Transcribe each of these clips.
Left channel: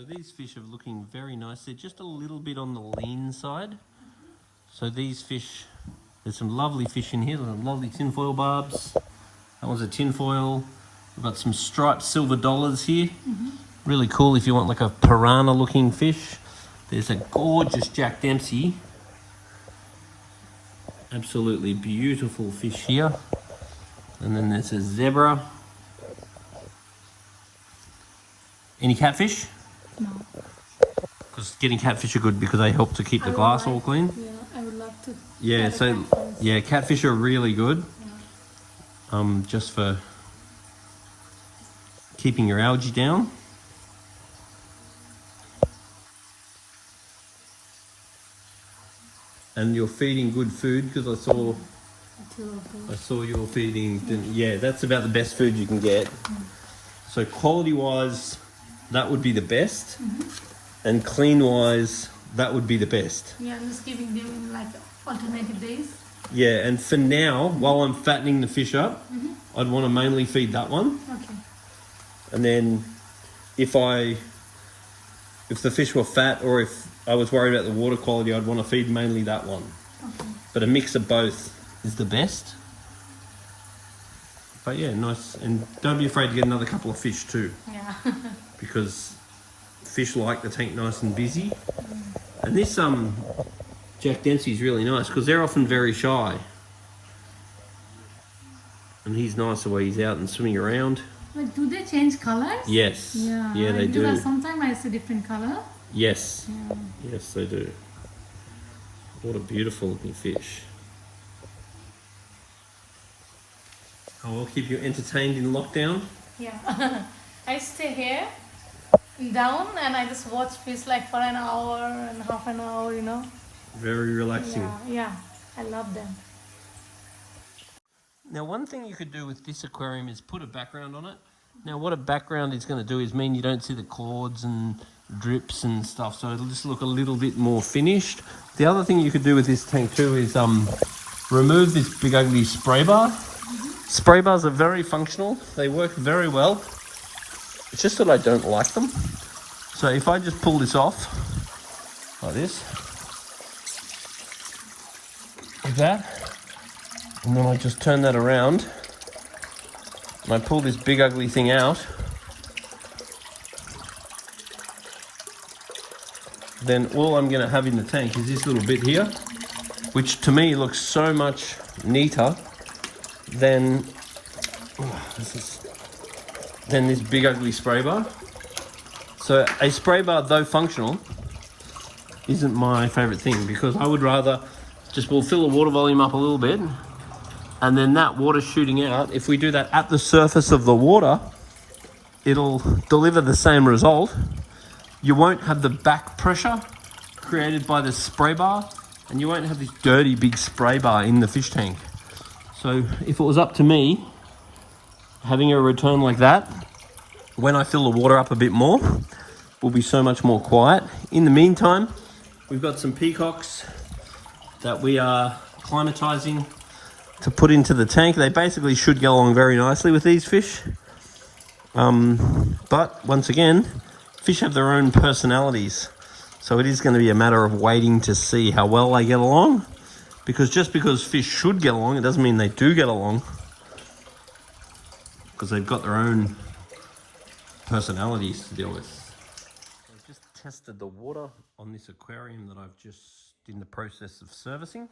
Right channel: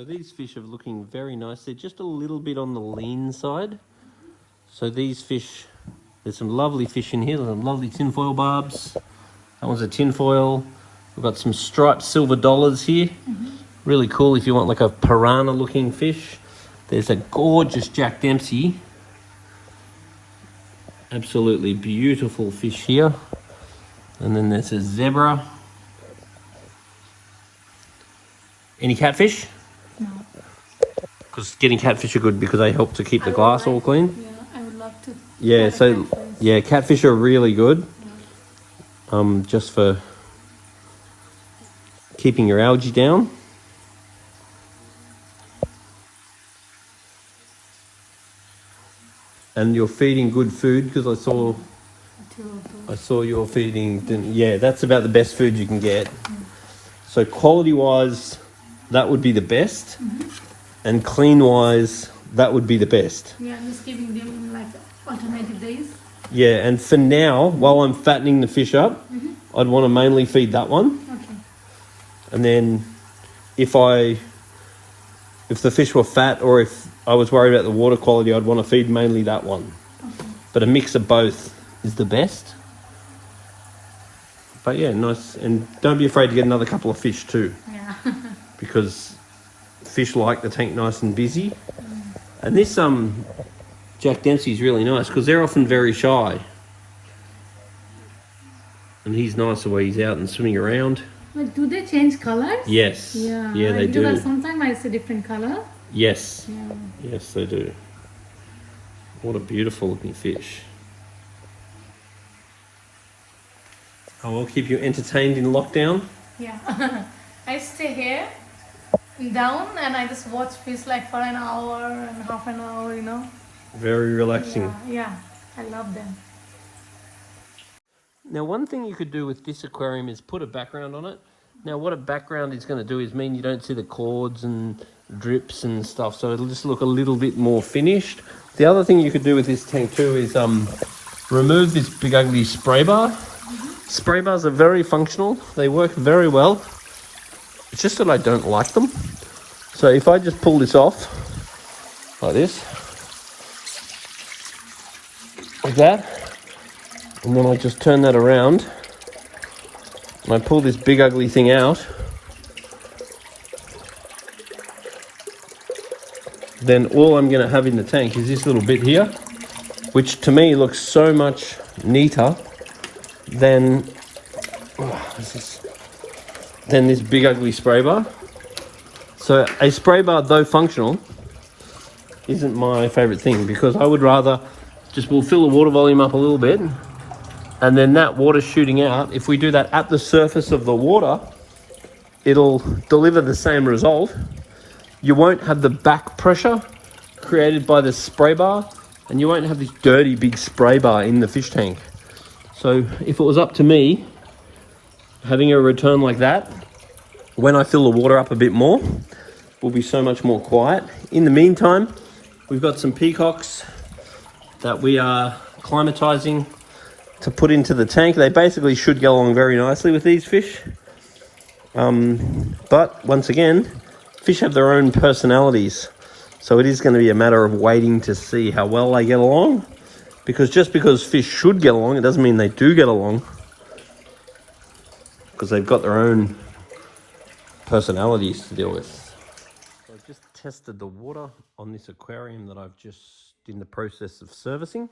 So these fish are looking very nice. They're just a little bit on the lean side. So these fish, there's some lovely fish in here. There's some lovely tinfoil barbs. That one's a tinfoil. We've got some striped silver dollars here. Really cool if you want like a piranha looking fish. There's a gorgeous Jack Dempsey. Absolutely beautiful fish here. And then there's a zebra. Any catfish? No. Because getting catfish are good because they help to keep the glass all clean. Yeah, I would love to. Yeah, so yeah, catfish are really good. Just for keeping your algae down. And you're feeding good food because I saw you're feeding. Yeah, that's about the best food you can get. So quality wise, that would be the best, and clean wise, that would be the best. Yeah, I'm just giving them like alternative days. Yeah, and for now, while I'm fattening the fish up, I'd want to mainly feed that one. Okay. And then if the fish were fat or if I was worried about the water quality, I'd want to feed mainly that one. Okay. But a mix of both is the best. But yeah, nice. And don't be afraid to get another couple of fish too. Yeah. Because fish like the tank nice and busy. And this Jack Dempsey is really nice because they're often very shy. And he's nice the way he's out and swimming around. But do they change colors? Yes. Yeah. Yeah, they do. Because sometimes I see different color. Yes. Yeah. Yes, they do. What a beautiful looking fish. Oh, I'll keep you entertained in lockdown. Yeah. I stay here down and I just watch fish like for an hour and half an hour, you know. Very relaxing. Yeah. I love them. Now, one thing you could do with this aquarium is put a background on it. Now, what a background is going to do is mean you don't see the cords and drips and stuff, so it'll just look a little bit more finished. The other thing you could do with this tank too is remove this big ugly spray bar. Spray bars are very functional. They work very well. It's just that I don't like them. So if I just pull this off like this, like that, and then I just turn that around and I pull this big ugly thing out, then all I'm going to have in the tank is this little bit here, which to me looks so much neater than this big ugly spray bar. So a spray bar, though functional, isn't my favorite thing because I would rather we'll fill the water volume up a little bit, and then that water shooting out, if we do that at the surface of the water, it'll deliver the same result. You won't have the back pressure created by the spray bar, and you won't have this dirty big spray bar in the fish tank. So if it was up to me, having a return like that, when I fill the water up a bit more, will be so much more quiet. In the meantime, we've got some peacocks that we are climatizing to put into the tank. They basically should go along very nicely with these fish. But once again, fish have their own personalities. So it is going to be a matter of waiting to see how well they get along. Because just because fish should get along, it doesn't mean they do get along. Because they've got their own personalities to deal with. So I've just tested the water on this aquarium that I've just in the process of servicing.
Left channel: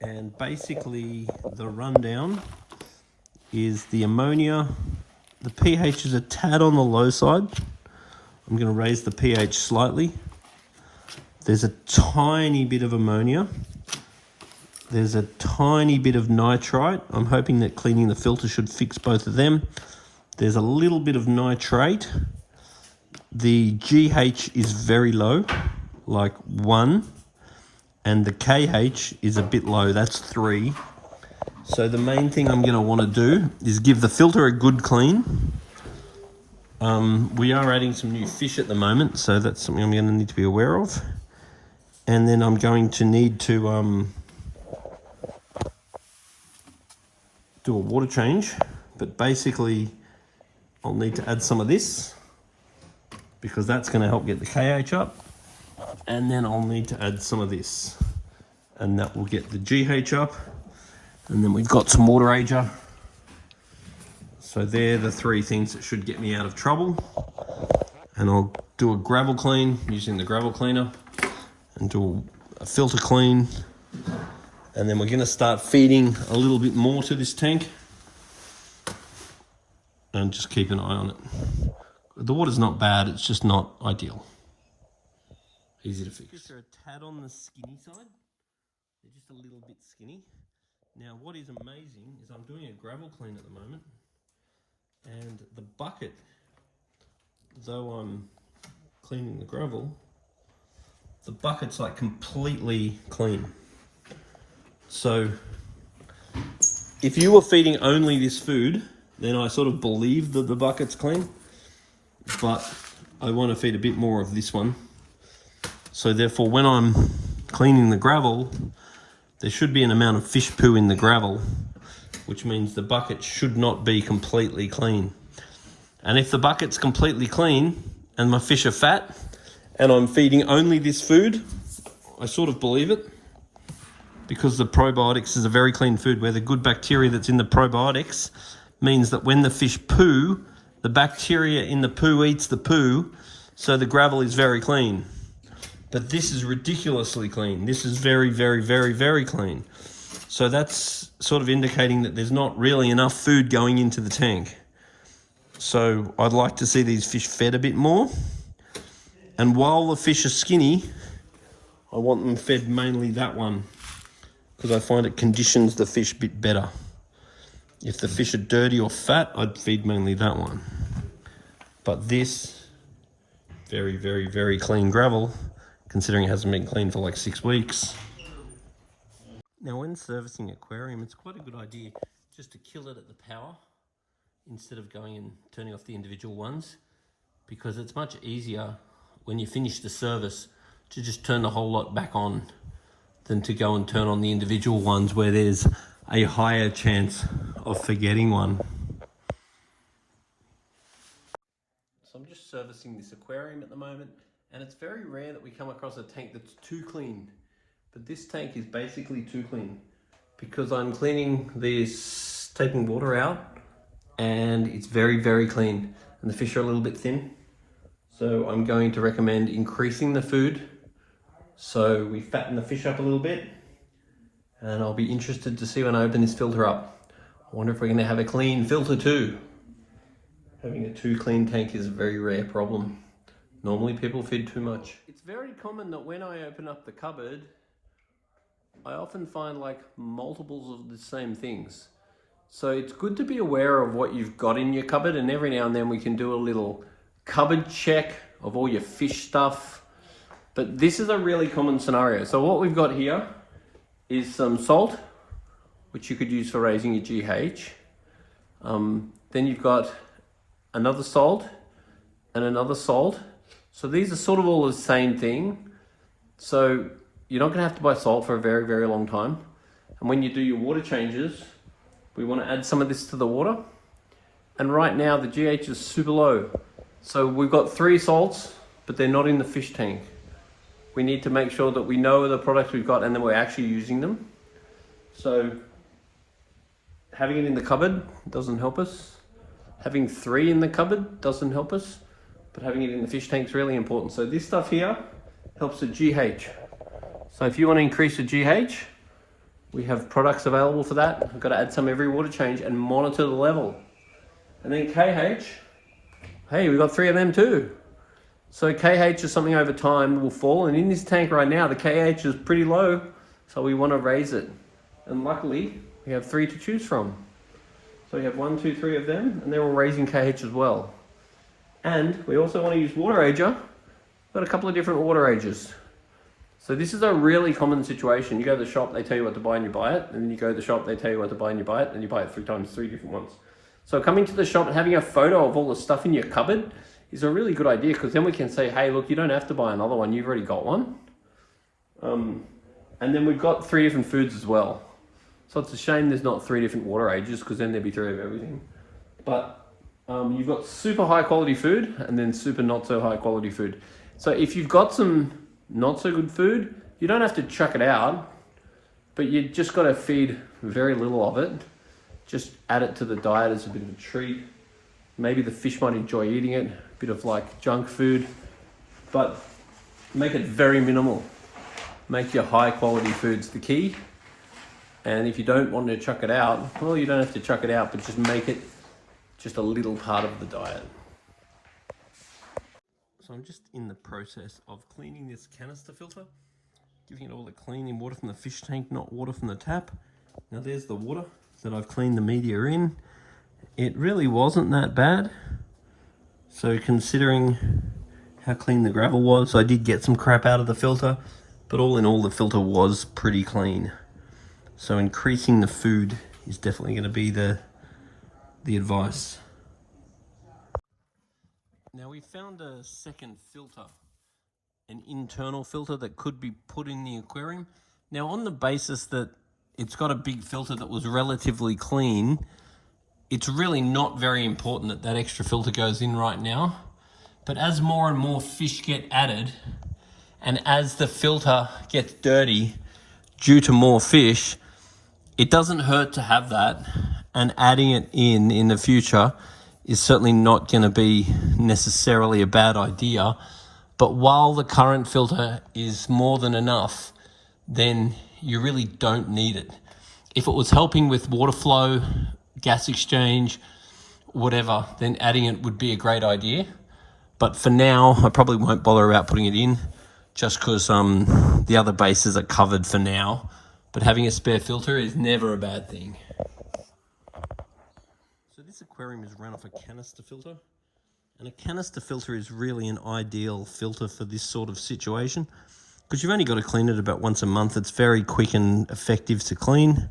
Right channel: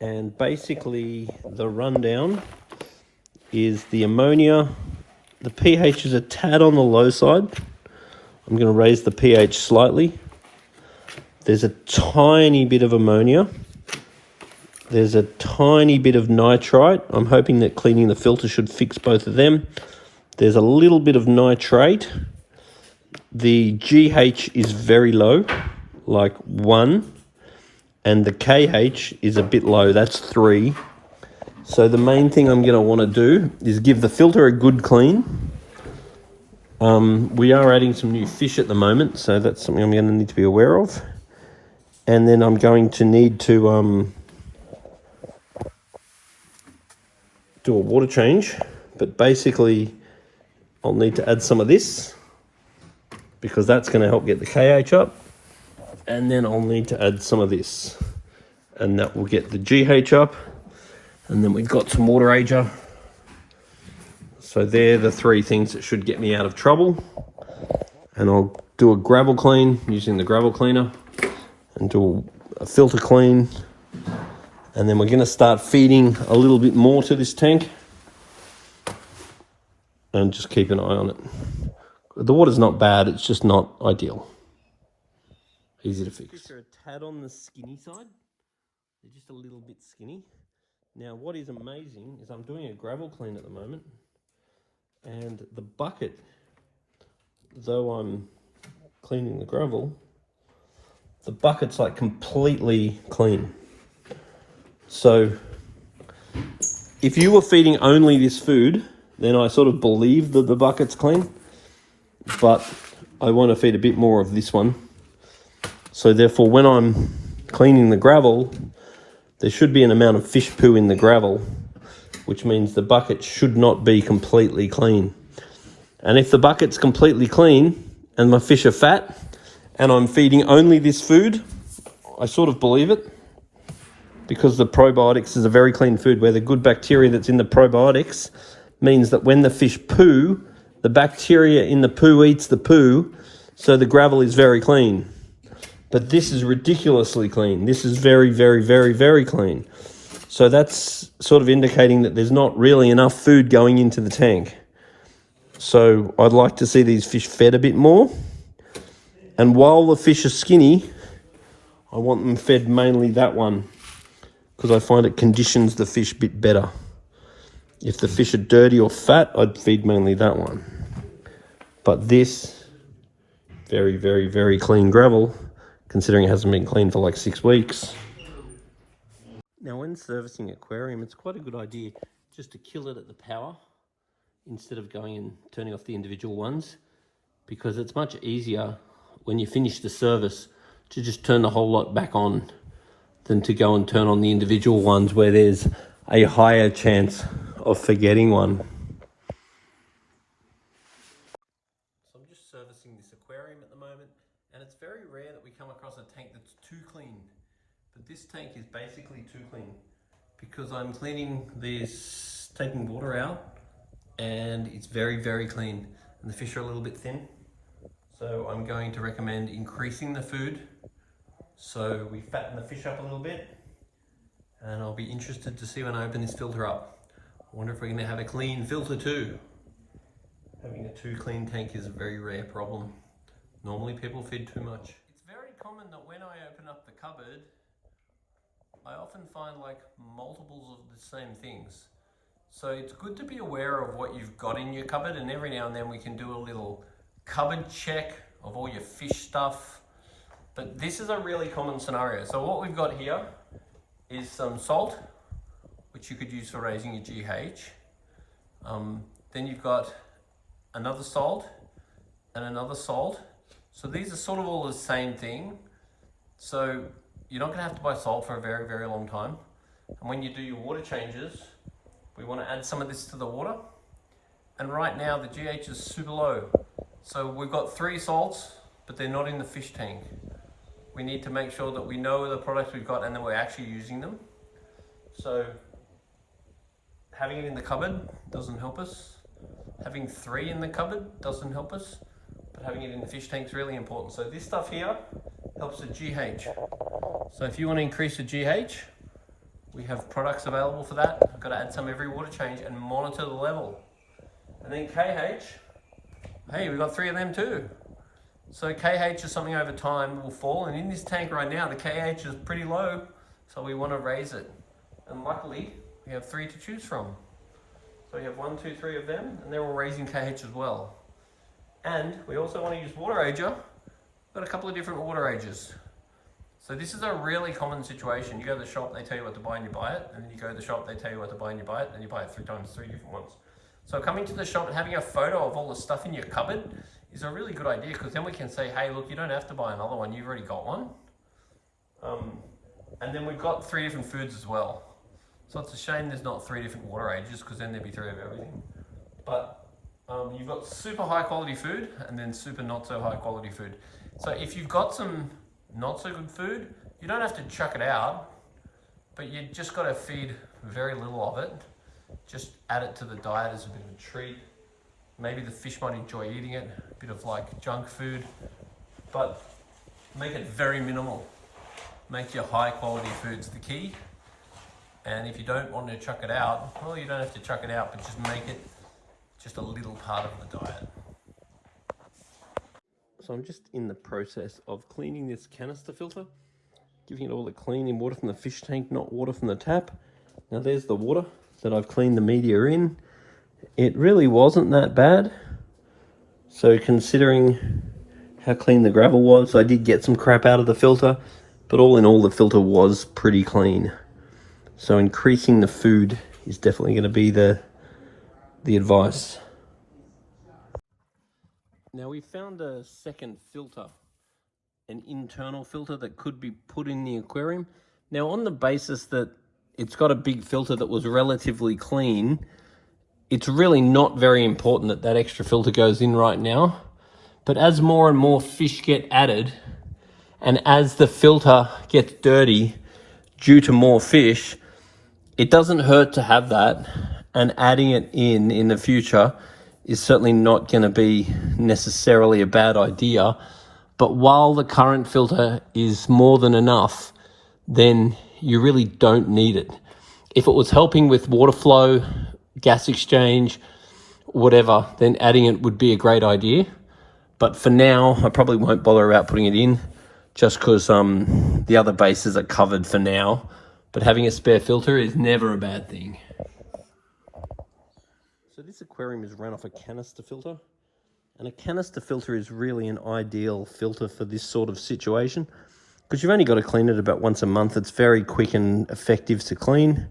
And basically the rundown is the ammonia. The pH is a tad on the low side. I'm going to raise the pH slightly. There's a tiny bit of ammonia. There's a tiny bit of nitrite. I'm hoping that cleaning the filter should fix both of them. There's a little bit of nitrate. The GH is very low, like 1. And the KH is a bit low, that's 3. So the main thing I'm going to want to do is give the filter a good clean. We are adding some new fish at the moment, so that's something I'm going to need to be aware of. And then I'm going to need to do a water change, but basically I'll need to add some of this because that's going to help get the KH up. And then I'll need to add some of this, and that will get the GH up. And then we've got some water ager. So they're the three things that should get me out of trouble. And I'll do a gravel clean using the gravel cleaner and do a filter clean. And then we're going to start feeding a little bit more to this tank and just keep an eye on it. The water's not bad, it's just not ideal. Easy to fix. Just a tad on the skinny side. They're just a little bit skinny. Now what is amazing is I'm doing a gravel clean at the moment, and the bucket, though I'm cleaning the gravel, the bucket's like completely clean. So if you were feeding only this food, then I sort of believe that the bucket's clean, but I want to feed a bit more of this one. So therefore, when I'm cleaning the gravel, there should be an amount of fish poo in the gravel, which means the bucket should not be completely clean. And if the bucket's completely clean and my fish are fat and I'm feeding only this food, I sort of believe it, because the probiotics is a very clean food where the good bacteria that's in the probiotics means that when the fish poo, the bacteria in the poo eats the poo, so the gravel is very clean. But this is ridiculously clean. This is very, very, very, very clean. So that's sort of indicating that there's not really enough food going into the tank. So I'd like to see these fish fed a bit more. And while the fish are skinny, I want them fed mainly that one, because I find it conditions the fish a bit better. If the fish are dirty or fat, I'd feed mainly that one. But this, very, very, very clean gravel, considering it hasn't been cleaned for like 6 weeks. Now when servicing aquarium, it's quite a good idea just to kill it at the power instead of going and turning off the individual ones, because it's much easier when you finish the service to just turn the whole lot back on than to go and turn on the individual ones where there's a higher chance of forgetting one. So I'm just servicing this aquarium at the moment, and it's very rare that we come across a tank that's too clean. But this tank is basically too clean because I'm cleaning this, taking water out, and it's very, very clean. And the fish are a little bit thin. So I'm going to recommend increasing the food so we fatten the fish up a little bit. And I'll be interested to see when I open this filter up. I wonder if we're gonna have a clean filter too. Having a too clean tank is a very rare problem. Normally people feed too much. It's very common that when I open up the cupboard, I often find like multiples of the same things. So it's good to be aware of what you've got in your cupboard, and every now and then we can do a little cupboard check of all your fish stuff. But this is a really common scenario. So what we've got here is some salt, which you could use for raising your GH. Then you've got another salt and another salt. So these are sort of all the same thing. So you're not gonna have to buy salt for a very, very long time. And when you do your water changes, we wanna add some of this to the water. And right now the GH is super low. So we've got 3 salts, but they're not in the fish tank. We need to make sure that we know the products we've got and then we're actually using them. So having it in the cupboard doesn't help us. Having 3 in the cupboard doesn't help us, but having it in the fish tank is really important. So this stuff here helps the GH. So if you want to increase the GH, we have products available for that. I've got to add some every water change and monitor the level. And then KH, hey, we've got 3 of them too. So KH is something over time will fall, and in this tank right now, the KH is pretty low, so we want to raise it. And luckily, we have 3 to choose from. So we have 1, 2, 3 of them, and they're all raising KH as well. And we also want to use water ager. We've got a couple of different water agers. So this is a really common situation. You go to the shop, they tell you what to buy and you buy it, and then you go to the shop, they tell you what to buy and you buy it, and you buy it 3 times, 3 different ones. So coming to the shop and having a photo of all the stuff in your cupboard is a really good idea, because then we can say, hey, look, you don't have to buy another one, you've already got one. And then we've got 3 different foods as well. So it's a shame there's not 3 different water ages, because then there'd be 3 of everything. But You've got super high quality food and then super not so high quality food. So if you've got some not so good food, you don't have to chuck it out, but you just got to feed very little of it. Just add it to the diet as a bit of a treat. Maybe the fish might enjoy eating it, a bit of like junk food, but make it very minimal. Make your high quality foods the key. And if you don't want to chuck it out, well, you don't have to chuck it out, but just make it just a little part of the diet. So I'm just in the process of cleaning this canister filter, giving it all the cleaning water from the fish tank, not water from the tap. Now there's the water that I've cleaned the media in. It really wasn't that bad. So considering how clean the gravel was, I did get some crap out of the filter, but all in all, the filter was pretty clean. So increasing the food is definitely going to be the advice. Now we found a second filter, an internal filter that could be put in the aquarium. Now on the basis that it's got a big filter that was relatively clean, it's really not very important that that extra filter goes in right now. But as more and more fish get added, and as the filter gets dirty due to more fish, it doesn't hurt to have that, and adding it in the future is certainly not going to be necessarily a bad idea. But while the current filter is more than enough, then you really don't need it. If it was helping with water flow, gas exchange, whatever, then adding it would be a great idea. But for now, I probably won't bother about putting it in, just because the other bases are covered for now. But having a spare filter is never a bad thing. So this aquarium is run off a canister filter. And a canister filter is really an ideal filter for this sort of situation, because you've only got to clean it about once a month. It's very quick and effective to clean.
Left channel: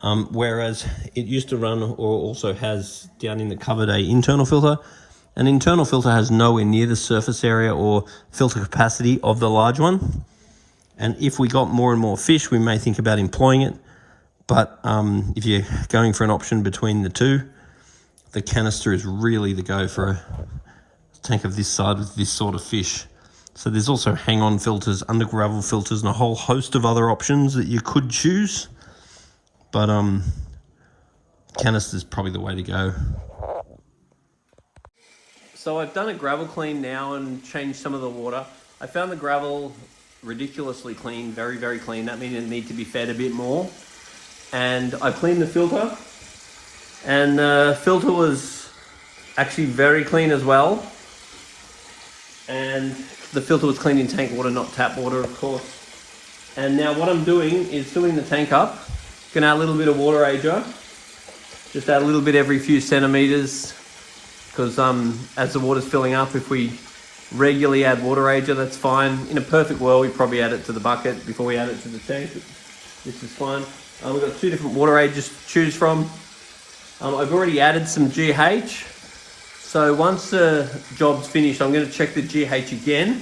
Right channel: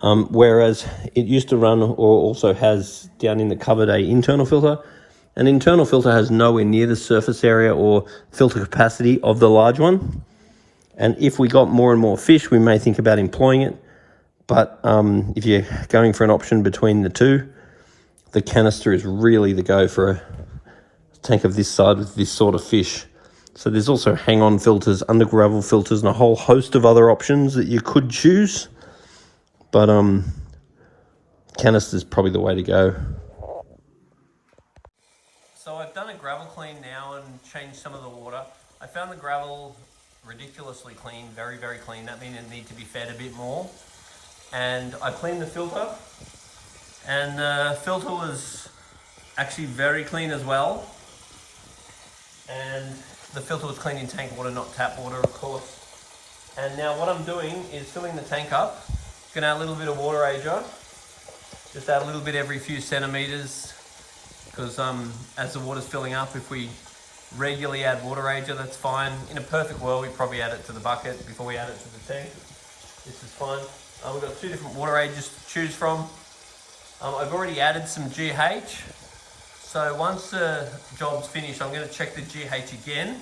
Whereas it used to run, or also has down in the cupboard, a internal filter. An internal filter has nowhere near the surface area or filter capacity of the large one. And if we got more and more fish, we may think about employing it. But if you're going for an option between the two, the canister is really the go for a tank of this size with this sort of fish. So there's also hang-on filters, under gravel filters, and a whole host of other options that you could choose. But canister is probably the way to go. So I've done a gravel clean now and changed some of the water. I found the gravel ridiculously clean, very, very clean. That means it needs to be fed a bit more. And I cleaned the filter, and the filter was actually very clean as well. And the filter was cleaned in tank water, not tap water, of course. And now what I'm doing is filling the tank up. Gonna add a little bit of water ager. Just add a little bit every few centimeters, because as the water's filling up, if we regularly add water ager, that's fine. In a perfect world, we probably add it to the bucket before we add it to the tank. This is fine. We've got 2 different water agers to choose from. I've already added some GH. So once the job's finished, I'm going to check the GH again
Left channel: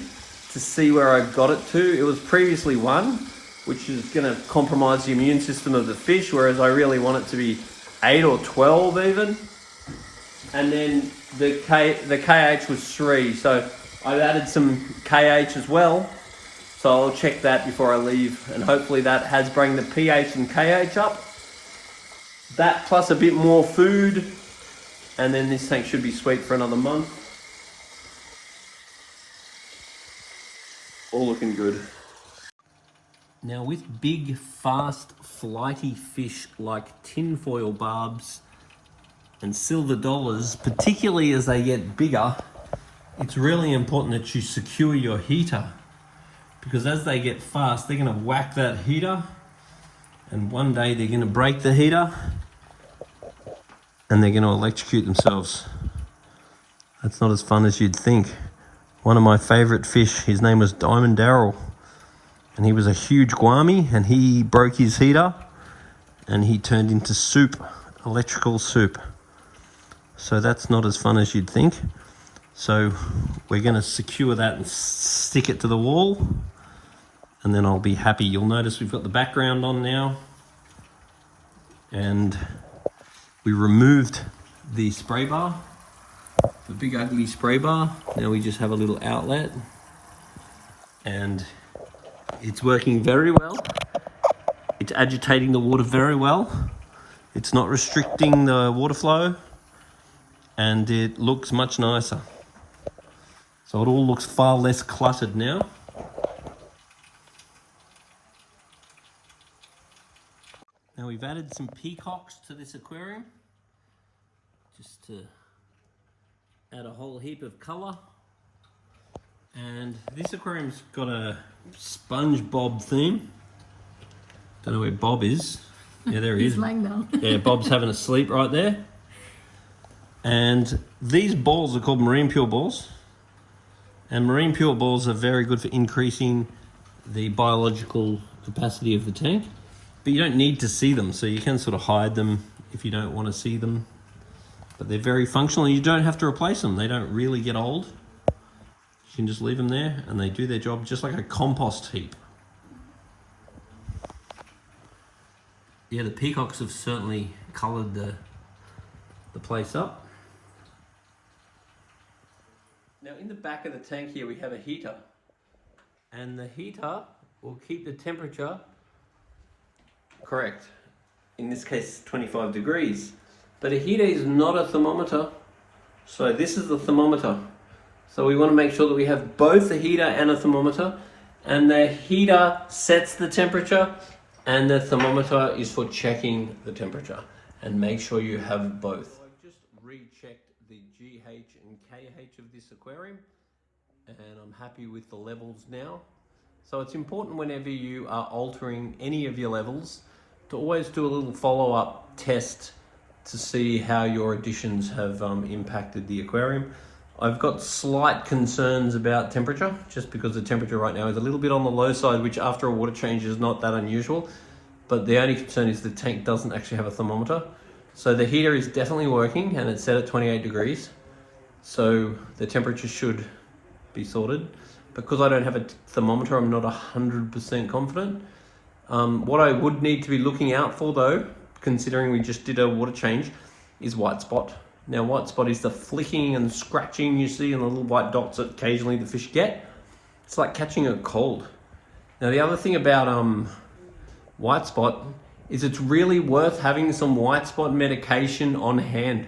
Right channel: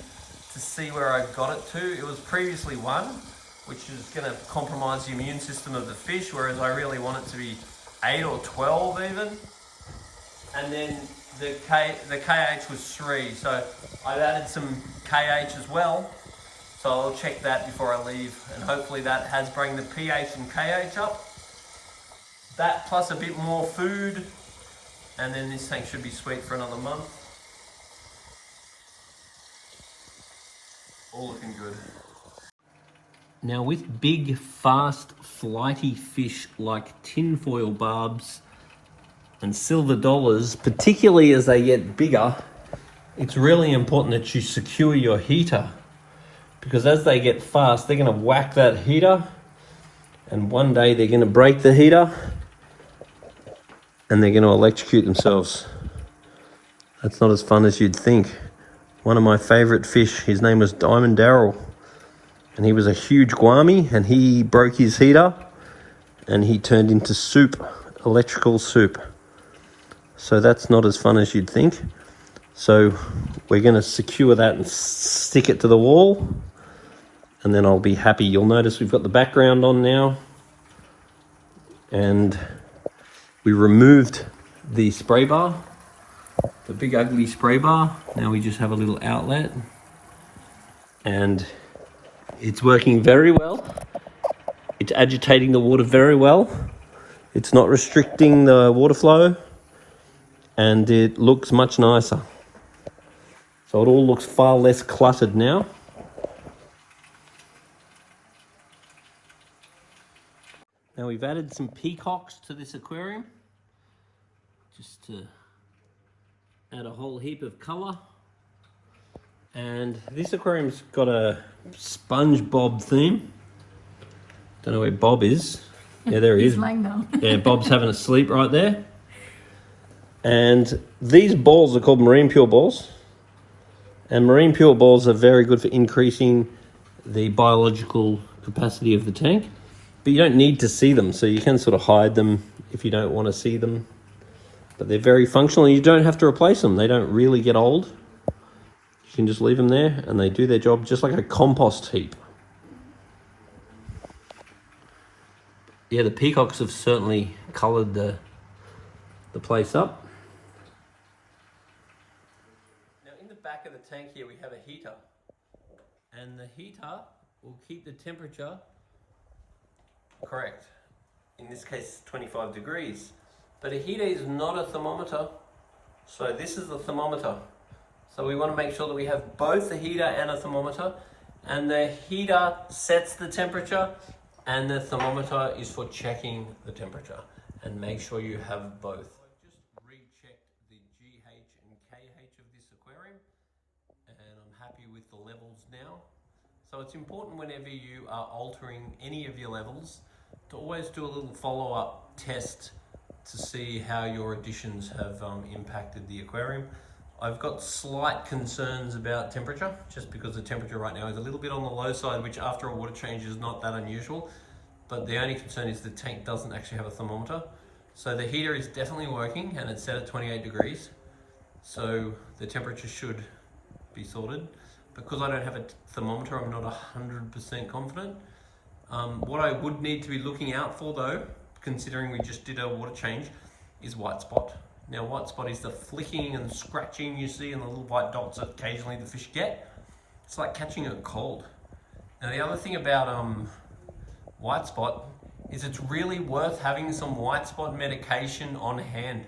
to see where I got it to. It was previously 1, which is going to compromise the immune system of the fish, whereas I really want it to be 8 or 12 even. And then the KH was 3, so I've added some KH as well. So I'll check that before I leave, and hopefully that has bring the pH and KH up. That plus a bit more food, and then this tank should be sweet for another month. All looking good. Now with big, fast, flighty fish like tinfoil barbs and silver dollars, particularly as they get bigger, it's really important that you secure your heater, because as they get fast, they're going to whack that heater, and one day they're going to break the heater and they're going to electrocute themselves. That's not as fun as you'd think. One of my favorite fish, his name was Diamond Darrell, and he was a huge guami, and he broke his heater and he turned into soup, electrical soup. So that's not as fun as you'd think. So we're going to secure that and stick it to the wall, and then I'll be happy. You'll notice we've got the background on now, and we removed the spray bar the big ugly spray bar. Now we just have a little outlet, and it's working very well. It's agitating the water very well. It's not restricting the water flow, and it looks much nicer. So it all looks far less cluttered now. Now we've added some peacocks to this aquarium, just to add a whole heap of colour. And this aquarium's got a SpongeBob theme. Don't know where Bob is. Yeah, there he is. Yeah, Bob's having a sleep right there. And these balls are called marine pure balls. And marine pure balls are very good for increasing the biological capacity of the tank. But you don't need to see them, so you can sort of hide them if you don't want to see them. But they're very functional, and you don't have to replace them. They don't really get old. You can just leave them there, and they do their job just like a compost heap. Yeah, the peacocks have certainly coloured the place up. Now in the back of the tank here we have a heater, and the heater will keep the temperature correct. In this case 25 degrees. But a heater is not a thermometer, so this is the thermometer. So we want to make sure that we have both a heater and a thermometer, and the heater sets the temperature and the thermometer is for checking the temperature, and make sure you have both. So I've just rechecked the GH and KH of this aquarium, and I'm happy with the levels now. So it's important whenever you are altering any of your levels to always do a little follow-up test to see how your additions have impacted the aquarium. I've got slight concerns about temperature, just because the temperature right now is a little bit on the low side, which after a water change is not that unusual. But the only concern is the tank doesn't actually have a thermometer. So the heater is definitely working, and it's set at 28 degrees. So the temperature should be sorted. Because I don't have a thermometer, I'm not 100% confident. What I would need to be looking out for though, considering we just did a water change, is white spot. Now white spot is the flicking and scratching you see and the little white dots that occasionally the fish get. It's like catching a cold. Now the other thing about white spot is it's really worth having some white spot medication on hand,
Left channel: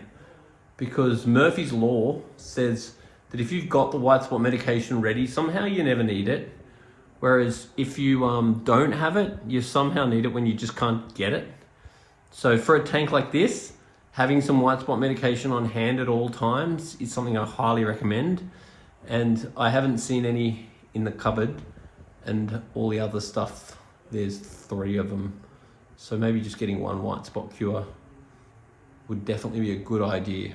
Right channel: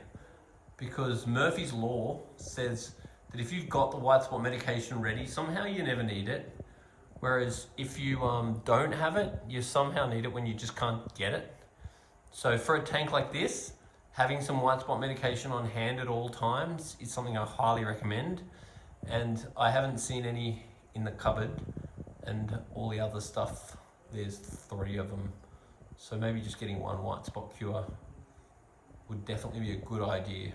because Murphy's Law says that if you've got the white spot medication ready, somehow you never need it. Whereas if you don't have it, you somehow need it when you just can't get it. So for a tank like this, having some white spot medication on hand at all times is something I highly recommend. And I haven't seen any in the cupboard, and all the other stuff, there's 3 of them. So maybe just getting one white spot cure would definitely be a good idea.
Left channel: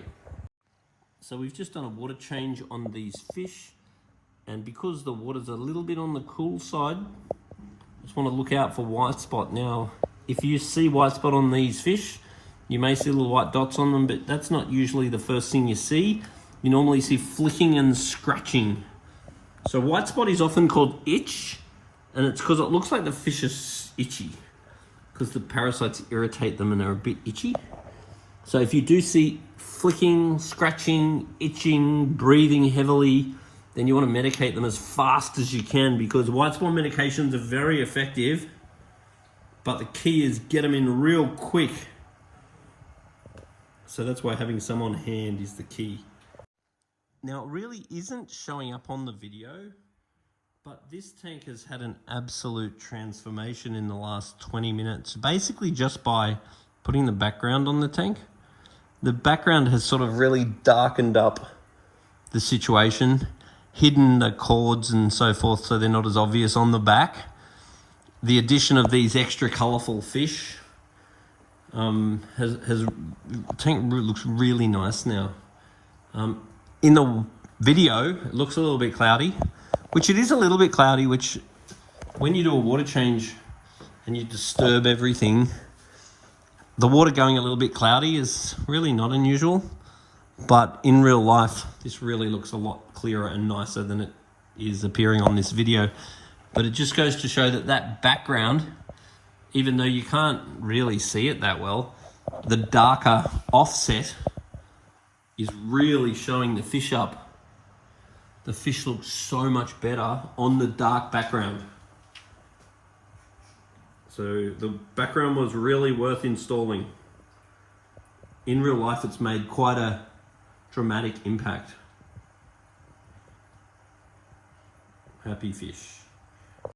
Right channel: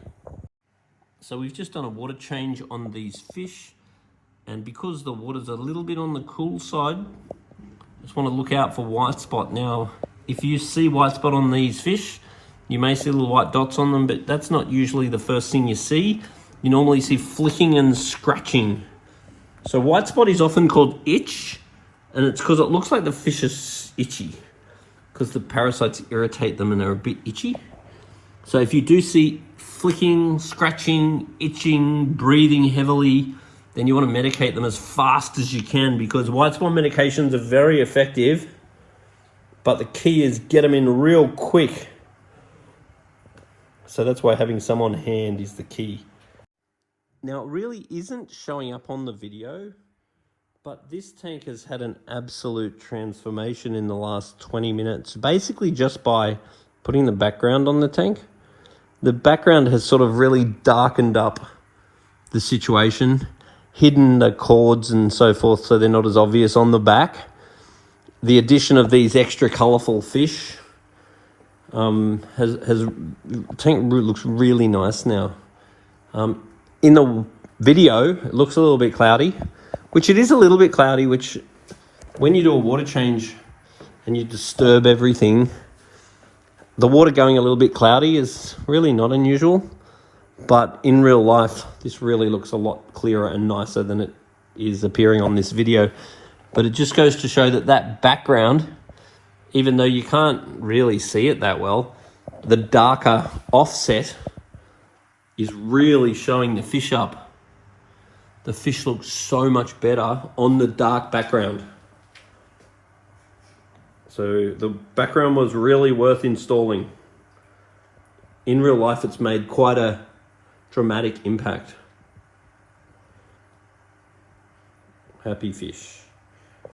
So we've just done a water change on these fish, and because the water's a little bit on the cool side, just want to look out for white spot. Now, if you see white spot on these fish, you may see little white dots on them, but that's not usually the first thing you see. You normally see flicking and scratching. So white spot is often called itch, and it's because it looks like the fish is itchy, because the parasites irritate them and are a bit itchy. So if you do see flicking, scratching, itching, breathing heavily, then you want to medicate them as fast as you can, because white spot medications are very effective, but the key is get them in real quick. So that's why having some on hand is the key. Now, it really isn't showing up on the video, but this tank has had an absolute transformation in the last 20 minutes, basically just by putting the background on the tank. The background has sort of really darkened up the situation, hidden the cords and so forth so they're not as obvious on the back. The addition of these extra colourful fish tank looks really nice now. In the video, it looks a little bit cloudy, which it is a little bit cloudy, which when you do a water change and you disturb everything, the water going a little bit cloudy is really not unusual. But in real life, this really looks a lot clearer and nicer than it is appearing on this video. But it just goes to show that that background, even though you can't really see it that well, the darker offset is really showing the fish up. The fish looks so much better on the dark background. So the background was really worth installing. In real life, it's made quite a dramatic impact. Happy fish.